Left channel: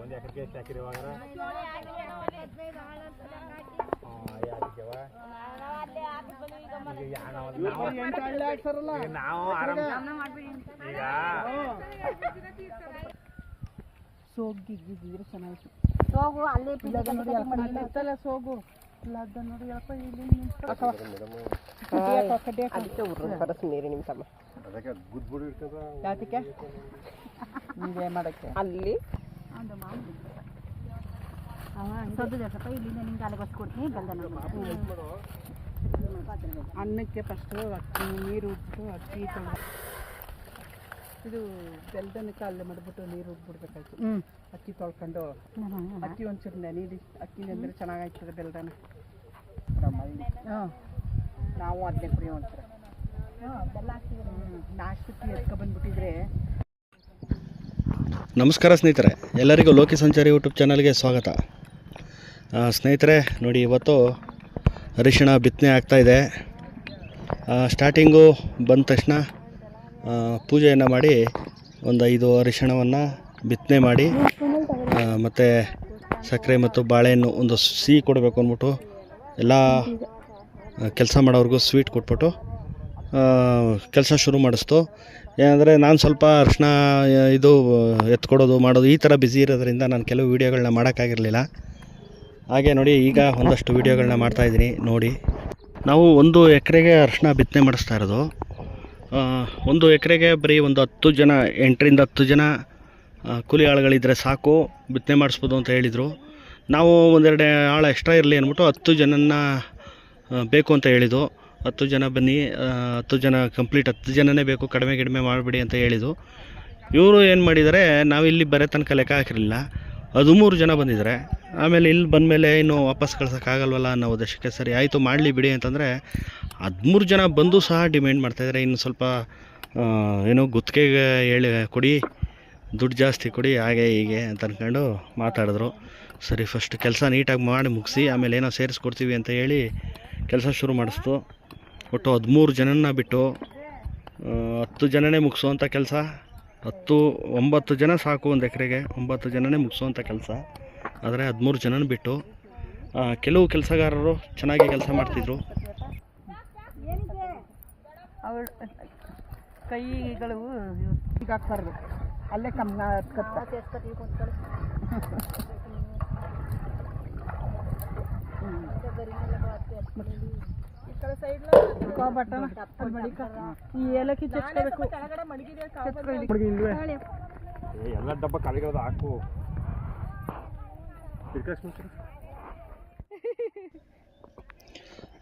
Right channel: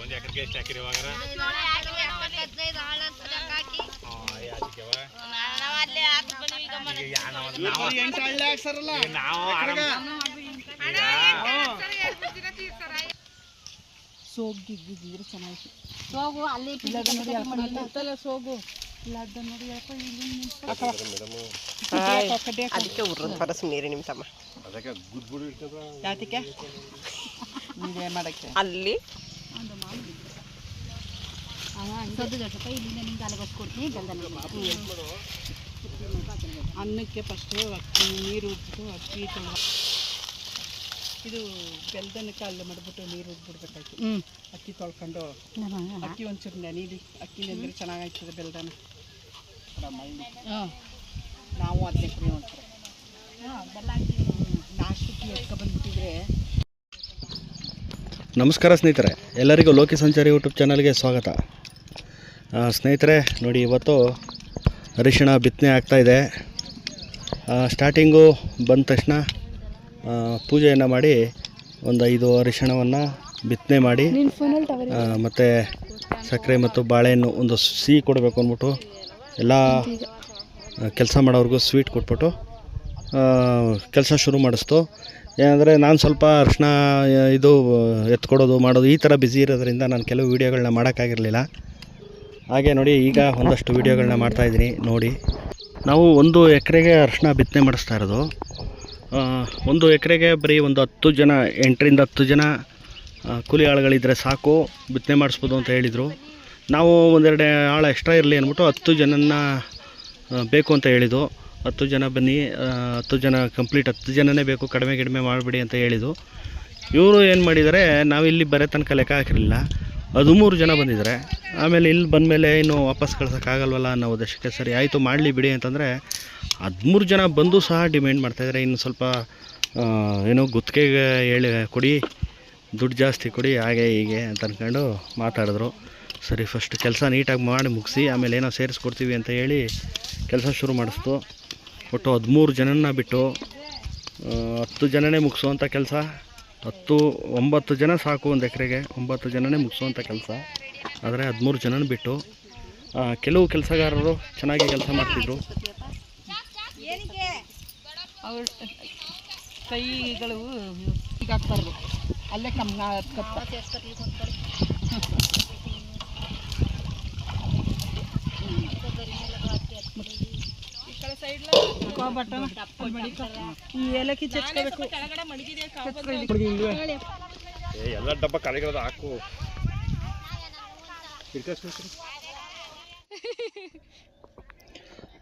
ಒಂದು ಎಕರೆಗೆ ಎಷ್ಟು ಹಾಕಿರಿ ಇವಾಗ ಸೋಗಿದ್ದಿದ್ರೆ ಚೆನ್ನಾಗಿ ಸೋಗು ಅಲ್ಲೇ ಸೋಗು ಇಲ್ಲ ನೋಡಿ ಅದಕ್ಕೆ ಉರ್ರದ ಪರಸ್ ನೀರಿ ನಿಮ್ಮ ತಮ್ಮ ಯಾತಕ್ಕೆ ಮಾಡಕ್ಕೆ ಅಲ್ಲಿ ಸದ್ದು ದೊಡ್ಡಪ್ಪ ಇಲ್ಲಿಂದ ನಿಮ್ಗೆ ಅಲ್ಲಿಗೆ ಕೊಡ್ತೀನಿ ಅನ್ನಕ್ಕೆ ಫಸ್ಟು ಅಕ್ಕಿ ನೀರು ಉಜ್ಬಿಟ್ಟು ಅಕ್ಕಿ ತೊಳೆದು ಇದು ಬೆಲ್ದನಕ್ಕೆ ಅಲ್ಲೇ ಮಾಡಿಬಿಟ್ಟು ನೀರು ಉಜ್ಬಿಡ್ಬೇಕಾಯ್ತು ಅಕ್ಕಿ ತೊಳ್ಕೊಂಡು ಅಕ್ಕಿ ಒಂಚೂರು ನೆನೀಲಿ ಅಕ್ಕಿ ನೆಂದರೆ ಚೆನ್ನಾಗಾಯ್ತದೆ ಬೆಲ್ದನ ನಾವು ಅದನ್ನೇ ಕುಡಿ ಒಂಚೂರು ಬೆಲ್ಲ ನಾಷ್ಟಕ್ಕೆ ಎತ್ಕೊಬಂದ್ಬಿಟ್ಟಿದ್ರೆ. ನಮಸ್ಕಾರ ಸ್ನೇಹಿತರೆ, ಎಲ್ಲರಿಗೂ ಲೋಕಿ ಸಂಚಾರಿ ಯೂಟ್ಯೂಬ್ ಚಾನಲ್ಗೆ ಸ್ವಾಗತ. ಸ್ನೇಹಿತರೆ ನೋಡಿ, ಇವತ್ತು ಅರಿಶಿಣ ಬಿತ್ತನೆ ಆಗ್ತಾಯಿದೆ. ಸ್ಟಾರ್ಟಿಂಗು ಬಂದ ತಕ್ಷಣ ಪೂಜೆಯನ್ನು ಮಾಡಿ ಒಂದು 5 ಅರಿಶಿಣವನ್ನು ಬಿತ್ತನೆ ಮಾಡಿ ಮತ್ತು ಸಕ್ಕರೆ ಮತ್ತು ಬಾಳೆಹಣ್ಣು ಒಂದು ಸಿಹಿ ಕೊಡಬೇಕು ಅಂದ್ಬಿಟ್ಟು ಎಲ್ಲ ಕೆಲಸ ಮಾಡೋರಿಗೂ ಸ್ವೀಟ್ ಕೊಟ್ಬಿಟ್ಟು ಕೆಲಸ ಶುರು ಮಾಡಿಸ್ತು. ಏನಂದರೆ ನಾನು ಸ್ವಲ್ಪ ಅರಿಶಿಣ ಇದು ಎತ್ಕೊಡೋದು ಮಾಡೋದು ಈ ಥರ ಬ್ಯುಸಿ ಇರೋದ್ರಿಂದ ನಾನು ಕೆಲವು ವೀಡಿಯೋಗಳನ್ನ ಮಾಡೋಕ್ಕಾಗಿರಲಿಲ್ಲ. ಹಾಗೆ ನೋಡಿ, ಈಗ ಒಂದಷ್ಟು ವೀಡಿಯೋಗಳನ್ನ ಮಾಡ್ತಾಯಿದ್ದೀನಿ ನೋಡಿ. ನಾವು 1 ಎಕರೆಗೆ ಅರಿಶಿಣ ಬಿತ್ತನೆ ಮಾಡಿಸ್ತಾ ಇರೋದು. 1 ಎಕರೆಗೆ ಬರೀ ಒಂದು 10 ಜನ, 8ರಿಂದ 10 ಜನ ಕೂಲಿ ಆಳುಗಳಿದ್ದರೆ ಸಾಕು, ಬಿತ್ತನೆ ಮಾಡಿಸ್ಬೋದು ಅಂತ ಹೇಳಿದರು. ನಾವು ಒಂದೆರಡು ಆಳು ಎಕ್ಸ್ಟ್ರಾ ಇರಲಿ ಅಂದ್ಬಿಟ್ಟು 10 ಜನನ ಬೇಕು ಅಂತ ಹೇಳಿದ್ದು. 10 ಜನ ಬನ್ನಿ, 10 ಜನ ಕಂಪ್ಲೀಟ್ 10 ಜನನೇ ಬೇಕು, ಕಡಿಮೆ ಮಾಡಿಬಿಡಿ ಅಂತ ಹೇಳಿದ್ದು. ಇವರು ಏನು ಮಾಡಿದ್ದಾರೆ, ನಾವಿಲ್ಲಿ ಬರೋ ತನಕ ಲೆಕ್ಕ ಹಾಕಿರಲಿಲ್ಲ, 13 ಜನ ಬಂದಿದ್ದಾರೆ. ಆಮೇಲೆ ಇಲ್ಲಿ ಬಂದಮೇಲೆ ಇನ್ನು ವಾಪಸ್ ಕಳ್ಸೋಕ್ಕಾಗಲ್ವಲ್ಲ ಅನ್ನೋ ಉದ್ದೇಶಕ್ಕೆ ಸರಿ ಆಯಿತು ಮಾಡಲಿ ಬಿಡಿ ಅಂತಂದರೆ 13 ಜನ ಬಂದು ಸಹ ಡಿಮ್ಯಾಂಡ್ ಮಾಡ್ತಾಯಿದ್ದಾರೆ. ಇನ್ನು ಸ್ವಲ್ಪ ಏನೋ ಗುತ್ತಿಗೆಗೆ ಹೇಳಿ ಕೊಡಿ, ದುಡ್ಡು ಜಾಸ್ತಿ ಕೊಡಿ, ಹಾಗೆ ಹೀಗೆ ಅಂತ ಅಂದ್ಕೊಂಡು ಮಾತಾಡಿದ್ರು. ಸರಿ, ಫಸ್ಟ್ ಕೆಲಸ ನೀಟಾಗಿ ಮಾಡಿ ಮುಗಿಸಿ ಆಮೇಲೆ ಏನೋ ಸೇರಿಸ್ಕೊಡ್ತೀವಿ ಅಂತ ಹೇಳಿ ಕೆಲಸ ಶುರು ಮಾಡಿಸ್ತು. ಒಟ್ಟು 13 ಜನನ ಬಿಟ್ಟು 10 ಜನನೇ ಮುಗಿಸೋವಂಥ ಕೆಲಸ. 9 ಜನ ಸಾಕು ಒಂದು ಎಕರೆಗೆ, 9 ಜನನೇ ಮುಗಿಸೋವಂಥ ಕೆಲಸ. ಆದರೆ 13 ಜನನ ಬಿಟ್ಟು ಕೆಲವು ಕೆಲಸಗಾರರು ಚೆನ್ನಾಗಿ ಕೆಲಸ ಮಾಡ್ತಿದ್ರು. ಅವ್ರ ಕೈಗಳು ಈಗ ಹಾಕ್ಬಾರ್ದು, ಅಲ್ಲೇ ಕಮ್ಮಿ ಈ ಏಲಕ್ಕಿ ಚಚ್ಕೋಬೇಕು. ಎಲ್ಲ ಡಬ್ಬ ಕಳೆಗಳದು ಹಾಕು.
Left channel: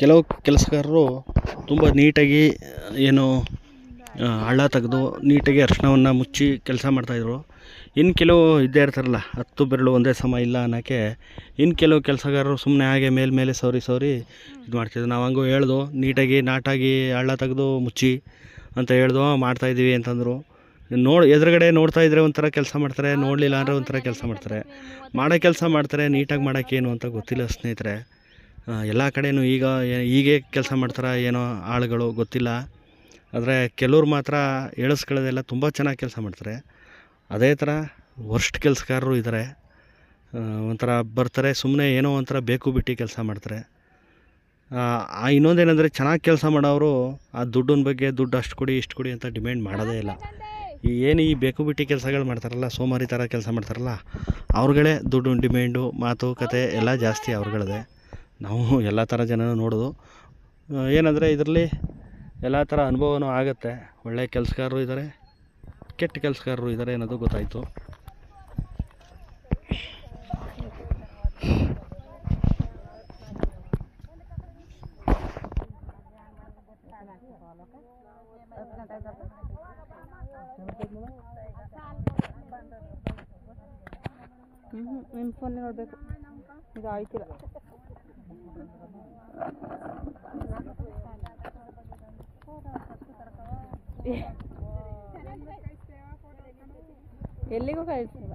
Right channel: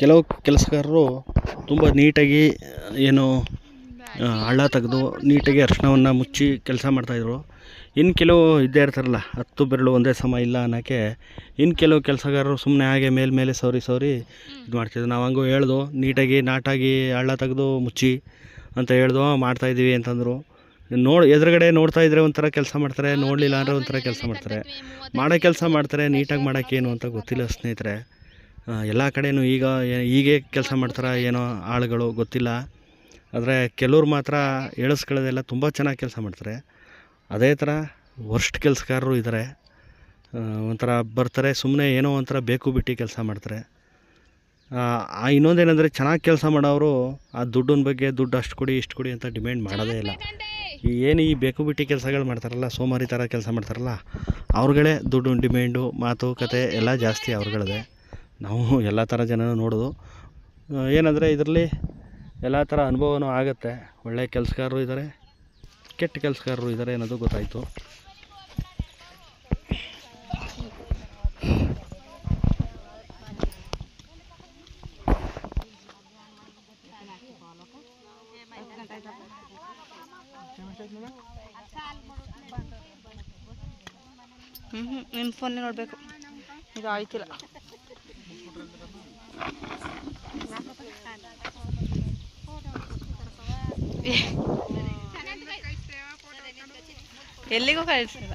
ಕೆಲವು ಕೆಲಸಗಾರರು ತುಂಬ ನೀಟಾಗಿ ಏನು ಹಳ್ಳ ತೆಗೆದು ನೀಟಾಗಿ ಅರಿಶಿಣವನ್ನು ಮುಚ್ಚಿ ಕೆಲಸ ಮಾಡ್ತಾಯಿದ್ರು. ಇನ್ನು ಕೆಲವು ಇದ್ದೇ ಇರ್ತಾರಲ್ಲ, 10 ಬೆರಳು ಒಂದೇ ಸಮ ಇಲ್ಲ ಅನ್ನೋಕ್ಕೆ, ಇನ್ನು ಕೆಲವು ಕೆಲಸಗಾರರು ಸುಮ್ಮನೆ ಹಾಗೆ ಮೇಲೆ ಸೌರಿ ಇದು ಮಾಡ್ತಿದ್ರು. ನಾವು ಹಂಗೂ ಹೇಳ್ದು, ನೀಟಾಗಿ ನಾಟಾಗಿ ಹಳ್ಳ ತೆಗೆದು ಮುಚ್ಚಿ ಅಂತ ಹೇಳ್ದು, ಮಾಡ್ತಾಯಿದ್ದೀವಿ ಅಂತಂದರು. ಎದುರುಗಡೆ ನೋಡ್ತಾಯಿದ್ರೆ ಒಂಥರ ಕೆಲಸ ಮಾಡ್ತಾರೆ, ನೋಡಲಿಲ್ಲ ಅಂದರೆ ಒಂಥರ ಕೆಲಸ ಮಾಡ್ತಾರೆ. ಮಾಡೋ ಕೆಲಸ ಮಾಡ್ತಾರೆ, ನೀಟಾಗಿ ಮಾಡೋಕ್ಕೇನು ಅಂತ ಗೊತ್ತಿಲ್ಲ ಸ್ನೇಹಿತರೆ. ಎಲ್ಲ ಕಡೆಯೂ ಹೀಗೆ ಕೆಲಸ ಮಾಡ್ತಾರೆ ಏನೋ ಆಳುಗಳು ಗೊತ್ತಿಲ್ಲ. ಆದರೆ ಕೆಲವ್ರು ಮಾತ್ರ ಹೇಳಿಸ್ಕೊಳ್ಳೋದೆಲ್ಲ ತುಂಬ ಚೆನ್ನಾಗಿ ಕೆಲಸ ಮಾಡ್ತಾರೆ. ಅದೇ ಥರ ವರ್ಸ್ಟ್ ಕೆಲಸಗಾರರು ಇದ್ದಾರೆ. ಒಂಥರ ಬರ್ತಾರೆ, ಸುಮ್ಮನೆ ಏನೋ ಒಂಥರ ಬೇಕು ಬಿಟ್ಟು ಕೆಲಸ ಮಾಡ್ತಾರೆ. ಇನ್ನೊಂದೇನೆಂದರೆ, ಚೆನ್ನಾಗಿ ಕೆಲಸ ಮಾಡೋರು ಆ ದುಡ್ಡಿನ ಬಗ್ಗೆ ದುಡ್ಡು ಅಷ್ಟು ಕೊಡಿ ಇಷ್ಟು ಕೊಡಿ ಅಂತ ಡಿಮ್ಯಾಂಡ್ ಮಾಡೋದೇ ಇಲ್ಲ. ಈ ಬೇಕು ಬಿಟ್ಟು ಕೆಲಸಗಳು ಮಾಡ್ತಾರಲ್ಲ, ಸೋಮಾರಿ ಥರ ಕೆಲಸ ಮಾಡ್ತಾರಲ್ಲ, ಅವ್ರುಗಳೇ ದುಡ್ಡು ಡಿಮ್ಯಾಂಡು, ಮಾತುಕತೆ ಎಲ್ಲ ಜಾಸ್ತಿ ಅವ್ರುಗಳದೇ. ನಾವು ಎಲ್ಲ ಥರ ಜನನೂ ನೋಡೋದು. ಏನಂದರೆ ಇದರಲ್ಲಿ ಎಲ್ಲ ಥರ ಅನುಭವನೂ ಆಗುತ್ತೆ. ಒಳ್ಳೆಯ ಕೆಲಸಗಾರರು ಇದ್ದಾರೆ, ಕೆಟ್ಟ ಕೆಲಸಗಾರರು ಇದ್ದಾರೆ ಅನ್ನೋದು ಗೊತ್ತಾಯಿತು. ನಿಮ್ಮ ಫೋನ್ ನೋಡಬೇಕು, ಇದು ಆಯ್ತಿಲ್ಲ. ಎಲ್ಲಿಗೂ ಕಳಿಸಿಲ್ಲ.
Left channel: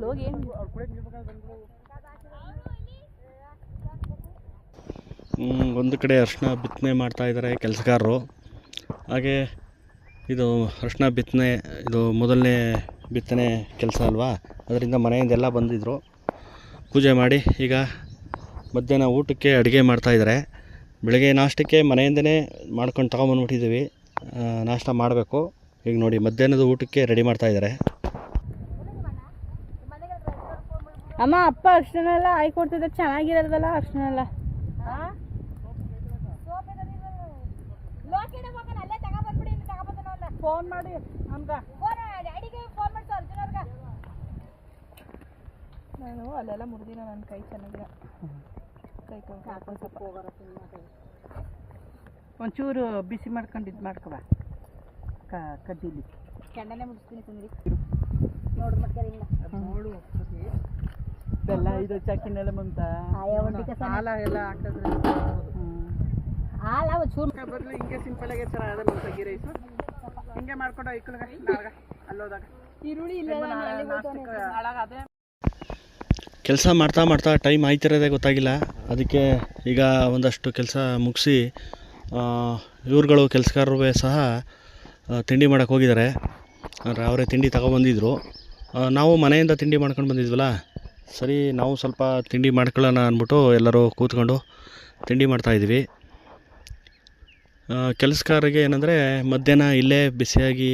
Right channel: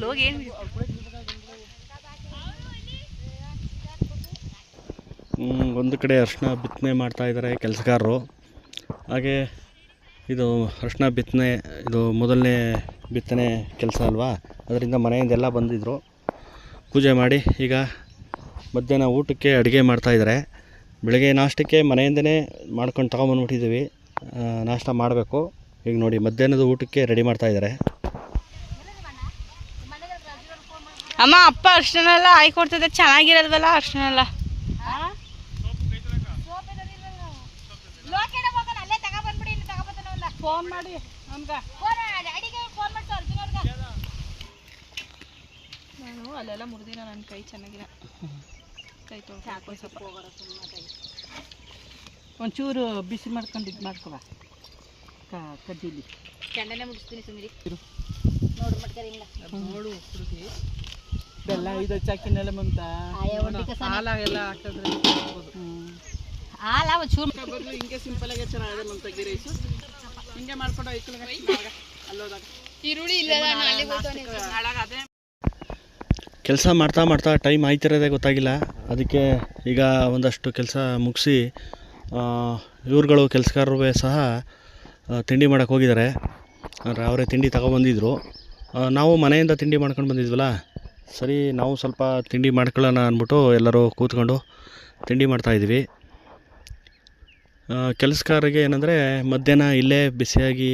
ಅಲ್ಲಿ ಹೋಗಿ ಏನು ಒಂದು ಕಡೆ ಅರಿಶಿನ ಬಿತ್ತನೆ ಮಾಡ್ತಾಯಿದ್ದಾರೆ ಕೆಲಸಗಾರರು. ಹಾಗೆ ಇದು ಅರಿಶಿನ ಬಿತ್ತನೆ ಇದು ಮೊದಲನೇ ಬಿತ್ತನೆ ಕೆಲಸ ಅಲ್ವಾ, ಅದರಿಂದ ಮನೆಯಿಂದೆಲ್ಲ ಬಂದಿದ್ದರು. ಪೂಜೆ ಮಾಡಿ ಈಗ ಮಧ್ಯಾಹ್ನ ಊಟಕ್ಕೆ ಅಡುಗೆ ಮಾಡ್ತಾಯಿದ್ದಾರೆ. ಬೆಳಗ್ಗೆ ನಾಷ್ಟಕ್ಕೆ ಮನೆಯಿಂದನೇ ಮಾಡ್ಕೊಂಡು ತಗೊಂಬಂದ್ಬಿಟ್ಟಿದ್ದೀವಿ, ನಾಷ್ಟ ಮಾಡಬೇಕು. ಈಗ ನೋಡಿ ಮಧ್ಯಾಹ್ನದ ಊಟಕ್ಕೆ ರೆಡಿ ಮಾಡ್ತಾಯಿದ್ದಾರೆ. ಅಮ್ಮ ಅಪ್ಪ ಅರ್ಶಿನ ಎಲ್ಲ ಹಾಕೊಡ್ತದೆ, ಚೆನ್ನಾಗಿರೋದಲ್ಲ ಅರ್ಶಿನ ಎಲ್ಲ. ಫೋನ್ ಮಾಡಿ ನಾನು ಅಲ್ಲೆಲ್ಲ ಮುರಿದಿನ ನನ್ನ ಕೈ ಚೆನ್ನಾಗಿಲ್ಲ, ಕೈ ತೊಳ್ಕೊಂಡು ಸ್ವಲ್ಪ ಒಂಚೂರು ಬಿಸಿ ಮಾಡ್ಕೊಂಡು ಇದು ಮಾಡ್ಕೊಳ ಕಡ್ಡಿಲಿ ಕೆಂಡನೆ ಮುಗಿಸ್ತೀನಿ ಸುಮಿರಿ. ನೋಡು ಬೆಲ್ಲ ಇದು ಚಕ್ಕಿನೆಲ್ಲ ಮುಂತ ಹಾಲ ಎಲ್ಲ ಹಾಕಿದ್ರೆ ಬದಲು ಹಿಂಗೆ ಸಿಂಪಲ್ ಆಗಿ ಚೆನ್ನಾಗಲ್ಲ ಅಂತ ಗೀ ರೈಸು ಹಿಂಗೆ ಮಾಡ್ಕೊಂಡು ಅಲ್ಲೋದಾಗ ಈರುಳ್ಳಿ ಇಲ್ಲ ಅದೇ ಕೆಲಸ ಮಾಡ್ತಾ ಮಾಡ್ತಾ ಟೈಮ್ ಆಯ್ತಿರೋದೇ ಗೊತ್ತಾಗಿಲ್ಲ. ಅದಕ್ಕೆ ಈಗ ಒಂದಷ್ಟು ಕೆಲಸ ಮುಗಿಸಿ ಇವ್ರುಗಳು ಕೆಲಸಗಾರರು ಸಹ ತಿಂಡಿ ಮಾಡೋಕ್ಕೆ ಹೋಗಿದ್ದಾರೆ. ಅಂದರೆ ಅವರೇ ತಿಂಡಿ ತಗೊಬಂದಿದ್ರು. ನಾವು ಮನೆಯಿಂದ ತಿಂಡಿ ಮಾಡ್ಕೊಂಡು ಬಂದಿದ್ವಲ್ಲ, ಸರಿ ನಾವು ಸ್ವಲ್ಪ ತಿಂಡಿ ಮಾಡ್ಕೊಳ್ಳೋಣ ಅಂದ್ಬಿಟ್ಟು ಎಲ್ಲರೂ ಕೂತ್ಕೊಂಡು ತಿಂಡಿ ಮಾಡ್ತಾಯಿದ್ವಿ. ಕೆಲಸಗಾರರಿಗೆ ಏನಂದರೆ ಮಧ್ಯಾಹ್ನ ಇಲ್ಲೇ ಬಿಸಿಯಾಗಿ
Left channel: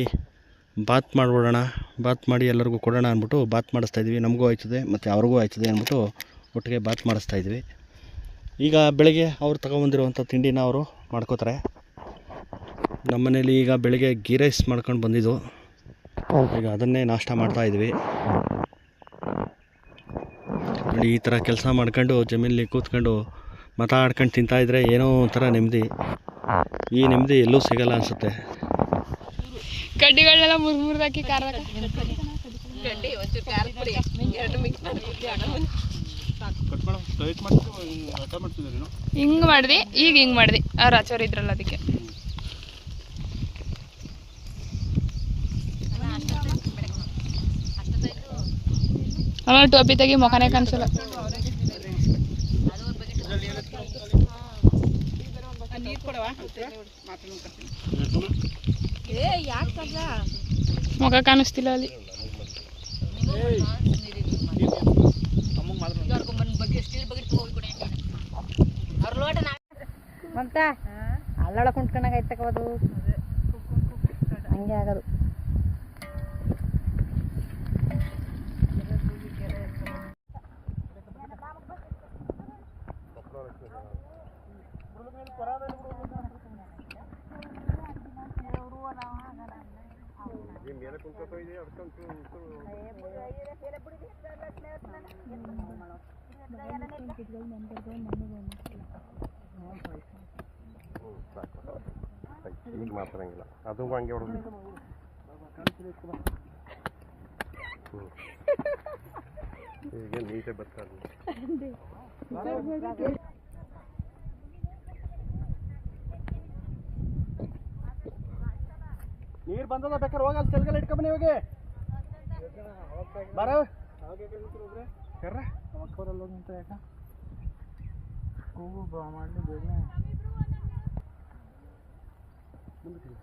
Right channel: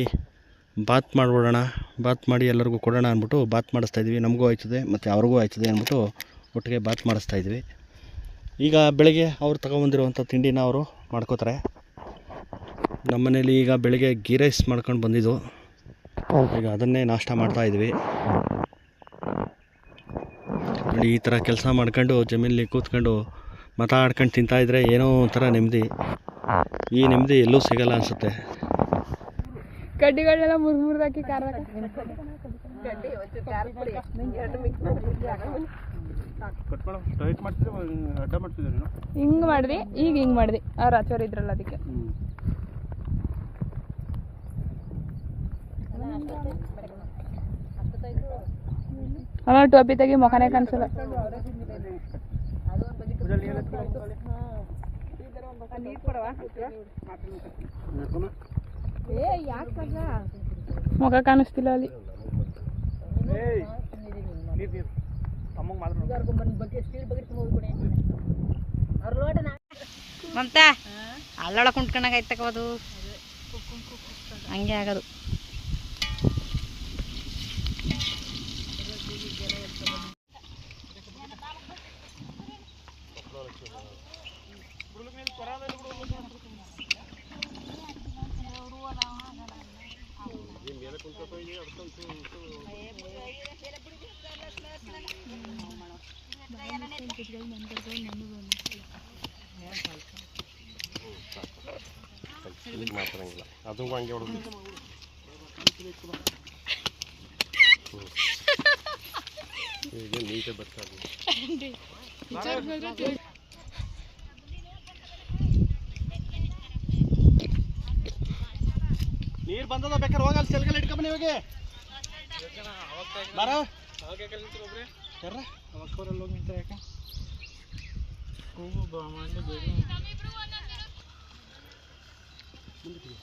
ಬಾತ್ ಮಾಡಿಬಿಡೋಣ, ಬಾತ್ ಮಾಡಿ ಎಲ್ಲರಿಗೂ ಕೊಡೋಣ ಅಂದ್ಬಿಟ್ಟು ಬಾತ್ ಮಾಡಿಸ್ತಾಯಿದ್ವಿ. ನಮಗೂ ಆಯ್ತದೆ ಮತ್ತು ಅವ್ರಿಗೂ ಆಯ್ತದೆ ಅಂದ್ಬಿಟ್ಟು ಒಟ್ಟಿಗೆ ಬಾತ್ ಮಾಡಿಸ್ತಾಯಿದ್ವಿ. ಈಗ ಬೆಳಗ್ಗೆ ಅವ್ರು ತಗೊಬಂದಿರುವಂಥ ತಿಂಡಿನ ಅವರು ಮಾಡ್ಕೋತಾರೆ. ನಮ್ಮ ಮನೇಲಿ ಈಗ ಬೆಳಗ್ಗೆ ಗೀ ರೈಸ್ ಮಾಡ್ಕೊಂಡು ಬಂದಿದ್ದು, ಈಗ ಅದನ್ನೇ ನಾಷ್ಟ ಮಾಡ್ತಾಯಿದ್ವಿ. ನೋಡಿ ಈ ಥರ ಕೆಲಸ ಮಾಡ್ಕೊಂಡು ಜಮೀನಲ್ಲಿ ಕೂತ್ಕೊಂಡು ಮಾತಾಡ್ಕೊಂಡು ತಿಂತಾಯಿದ್ರೆ ಏನೋ ಒಂಥರ ನೆಮ್ಮದಿ. ಈ ನೆಮ್ಮದಿ ಎಲ್ಲೂ ಸಿಗಲ್ಲ ಅನಿಸುತ್ತೆ. ಕಡ್ಡಿಗಳನ್ನೆಲ್ಲ ಮುರಿದಾಕಿ ಖಾರ ಹಿಂಗೆ ಮಾಡಿದ್ವಿ. ಈಗ ಹಿಂಗೆ ಮಾಡಿದ್ವಿ, ಅವ್ರು ಆಚೋರು ಇದ್ರಲ್ಲ ಅದಕ್ಕೆ. ಅಲ್ಲ ಟೋಪಿ ತೆಗಿ, ಮುಖನೇ ಕಾಣಿಸಲ್ಲ. ಮುಖ ಕಾಣಿಸ್ತಿಲ್ಲ ಅಲ್ಲಿ. ಮಮತಾ ಅಲ್ಲೊಳ ಕುಂಟ್ಕೊಂಡಾಗ ಐತಕೋದು ಹಂಗೆ ಆಗೋದು. ಮಾತಾಡಂಗಿಲ್ಲ ಅದು ಹಂಗೆ ಹೊಡೆದು ಈಗ ನೀಟಾಗಿ ಬರ್ತಾರೆ. ನೀರು ಬಂದದ, ಬೇಕಾದ್ರೆ ಹೋಗಲ್ಲ ಸೆಲ್ಗೆಲ್ಲ ಇಟ್ಕೊಂಬನಿ ಹೋಗಿ ಬಾರ ಕರ್ರ ಅವಾಗ ಬರಲ್ಲ ಹೋಗಿ ನಿಂತ ಯಾಕ ಹೋಗು ಬಾ ಮಾಡಲಿ ಬೇಗ ಮುಂದಕ್ಕೆ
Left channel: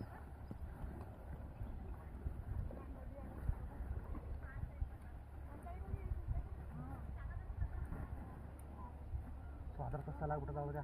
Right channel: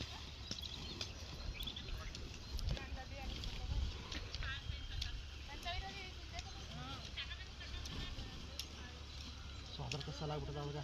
ಸೊ ಅದರ ಕಸಾಲ ಆಗ್ಬಿಟ್ಟದ ಅವಾಗ.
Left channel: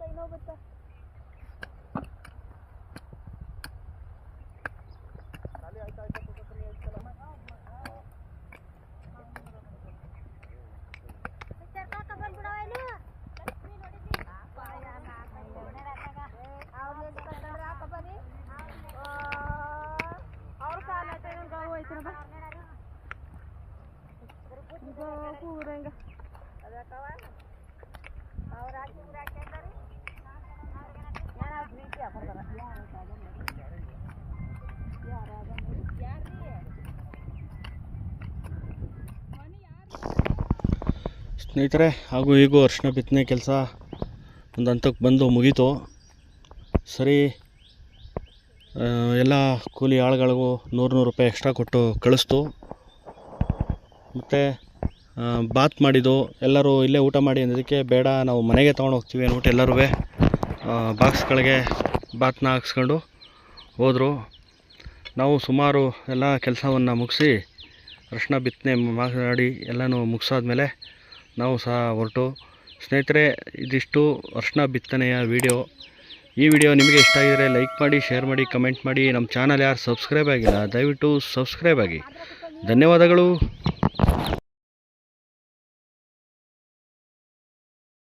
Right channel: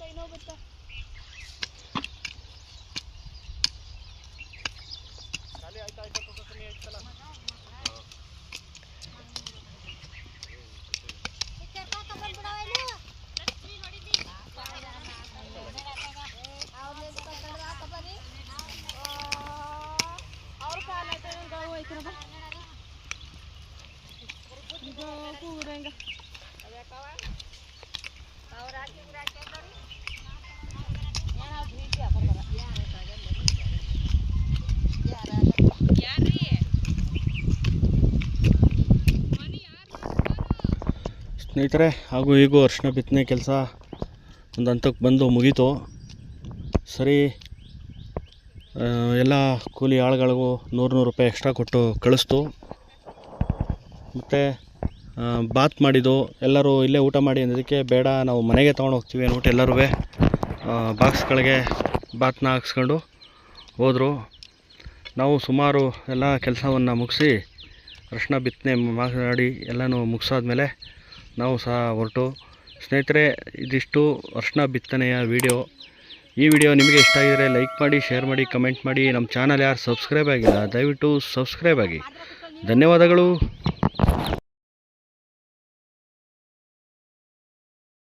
ಕೈ ನೋವು ಬತ್ತ ಸ್ನೇಹಿತರೆ, ಹಾಗೂ ಈಗೂ ಅರಿಶಿನ ಬಿತ್ತನೆ ಕೆಲಸ ಒಂದು ಹಂತಕ್ಕೆ ಬಂದು ಮುಗೀತು. ಸರಿ, ಎಲ್ಲ ಕೂಲಿ ಆಳುಗಳಿಗೂ 100 ರೂಪಾಯಿ ಎಕ್ಸ್ಟ್ರಾ ಕೊಟ್ಟು ಕಳಿಸ್ತು. ಮತ್ತು ಬಾತ್ ಮಾಡಿದ್ದು ಎಲ್ಲರೂ ಇಲ್ಲೇ ಊಟ ಮಾಡಿ ಅನ್ನೋದಕ್ಕೆ ಬೇಡ, ನಾವು ಮನೆಗೆ ತೊಗೊಂಡು ಹೋಗ್ತೀವಿ ಅಂದ್ಬಿಟ್ಟು ಎಲ್ಲರೂ ಬಾಕ್ಸ್ಗಳಿಗೆ ಬಾತ್ನ ಹಾಕ್ಸ್ಕೊಂಡು ಹೋದರು. ನಾವು ಸುಮಾರು ಎಲ್ಲ ಕೆಲಸವನ್ನು ಮುಗಿಸಿ ಅರಿಶಿನ ಬಿತ್ತನೆ ಮಾಡಿ ಎಲ್ಲನೂ ಮುಗಿಸಾದ್ಮೇಲೆ ನಾವು ಸಹ ಹೊರಟು. ಸ್ನೇಹಿತರೆ, ಇದಿಷ್ಟು ಅರಿಶಿನ ಬಿತ್ತನೆಯ ವಿಡಿಯೋ. ಈ ವಿಡಿಯೋ ನಿಮಗೆ ಇಷ್ಟ ಆಗಿದರೆ ಲೈಕ್ ಮಾಡಿ, ಶೇರ್ ಮಾಡಿ, ಕಮೆಂಟ್ ಮಾಡಿ. ನಮ್ಮ ಚಾನಲ್ ಯಾರು ಸಬ್ಸ್ಕ್ರೈಬ್ ಆಗಿಲ್ಲ ದಯವಿಟ್ಟು ಸಬ್ಸ್ಕ್ರೈಬ್ ಆಗಿ. ಧನ್ಯವಾದಗಳು.